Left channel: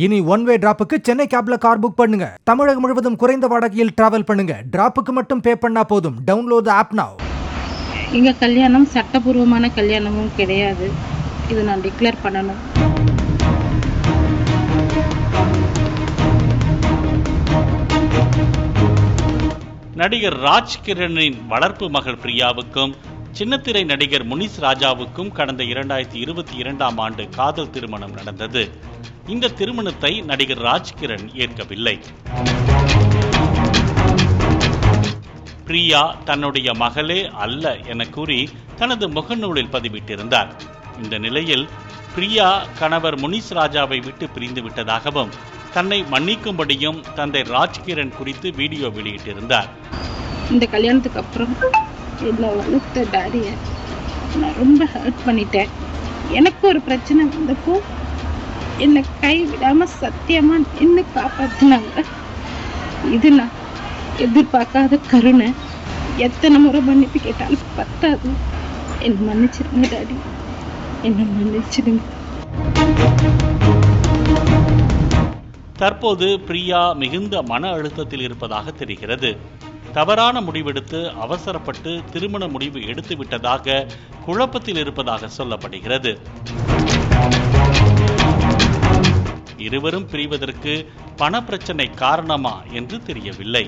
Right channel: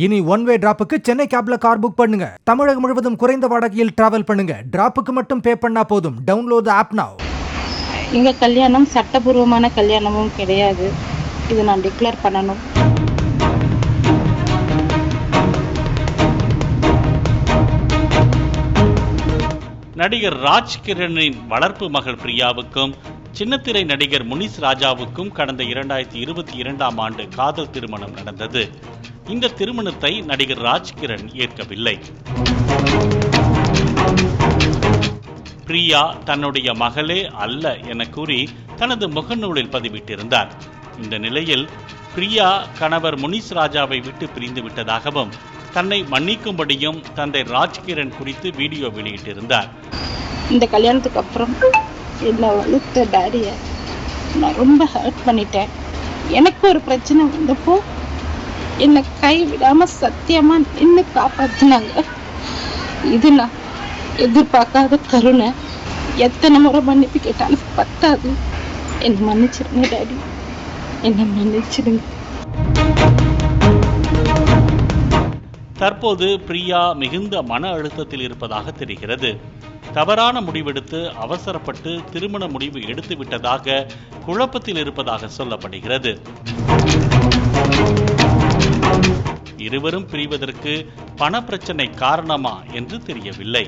இனி one way டிராப்புக்கு Chennai கேப்ல car book பண்ணுங்க. தமிழகம் முழுவதும் குறைந்த வாடகையில் டிராவல் பண்ணுங்க. டிராப்புக்கு மட்டும் பே பண்ணா போதும். டவுன்லோட் தி ஆப் நவ. எங்க கல்யாணம் சட்டபூர்வமான கல்யாணமும் கிடையாது. இது நான் டிக்ளேர் பண்ணணும். நடிகர் ராஜ்கிரனின் வளர்ப்பு மகள் பிரியாவுக்கும் சின்னத்திரை நடிகர் முனிஸ் ராஜாவுக்கும் கடந்த 2022ஆம் ஆண்டு காதல் திருமணம் நடந்தது. இந்த திருமணத்தை நடிகர் ராஜ்கிரண் ஏற்கவில்லை. பிரியா தன்னுடைய மகளே அல்ல என கூறி தனது முகநூலில் பதிவிட்டிருந்தார். இந்த நிலையில் பிரியா கணவர் முனிஸ் ராஜாவை விட்டு பிரிந்து விட்டதாகவும் தன்னை மன்னிக்கும்படியும் தந்தை ராஜ்கிரண் குறித்து வீடியோ வெளியிட்டிருந்தார். இந்த கல்யாணத்துக்கு அப்புறம் என்னை வளர்த்த டாடியை நான் ரொம்ப ஹர்ட் பண்ணிட்டேன். எனக்கு ஒரு பிரச்சனை வந்தப்போ என்னை கைவிடாம சத்தியமா நின்று காப்பாத்தினாங்க. இது நான் எதிர்பார்க்காத கருணை. எத்தனை முறை மன்னிப்பு கேட்டாலும் பத்தாது. என்னை மன்னிச்சிடுங்க டாடி, என்னை மன்னிச்சிடுங்க. தற்போது பிரியா மிகுந்த மன அழுத்தத்தில் இருப்பதாக தெரிகிறது. தவறான முடிவெடுத்து அவசரப்பட்டு திருமண முடிவு எடுத்து விட்டதாக குழப்பத்தில் இருப்பதாக சொல்லப்படுகிறது. இருவரும் பிரிவதற்கு பண பிரச்சனை காரணமா என்று தெரியவில்லை.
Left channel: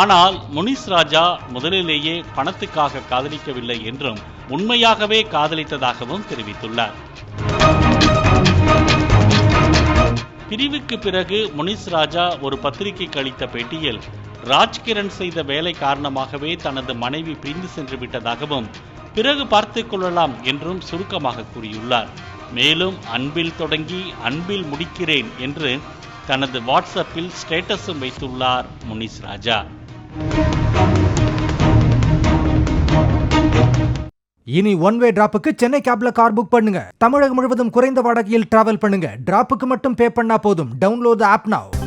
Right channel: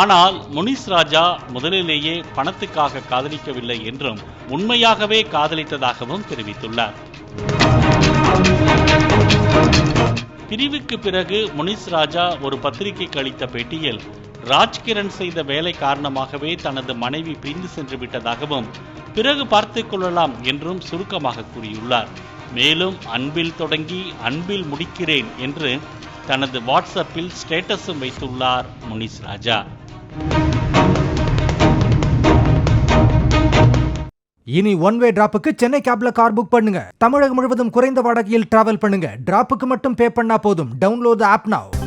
ஆனால் முனிஸ் ராஜா முதலிலேயே பணத்துக்காக காதலிக்கவில்லை என்றும் உண்மையாகவே காதலித்ததாகவும் தெரிவித்துள்ளார். பிரிவுக்கு பிறகு முனிஸ் ராஜா ஒரு பத்திரிகைக்கு அளித்த பேட்டியில் ராஜ்கிரண் செய்த வேலை காரணமாகவே தனது மனைவி பிரிந்து சென்று விட்டதாகவும் பிறகு பார்த்துக் கொள்ளலாம் என்றும் சுருக்கமாக கூறியுள்ளார். மேலும் அன்பில் தொடங்கி அன்பில் முடிக்கிறேன் என்று தனது வாட்ஸ்அப்பில் ஸ்டேட்டஸும் வைத்துள்ளார் முனிஸ் ராஜா. இனி ஒன் வே டிராப்புக்கு சென்னை கேப்ல கார் புக் பண்ணுங்க. தமிழகம் முழுவதும் குறைந்த வாடகையில் டிராவல் பண்ணுங்க. டிராப்புக்கு மட்டும் பே பண்ணா போதும். டவுன்லோட் தி ஆப் நவ.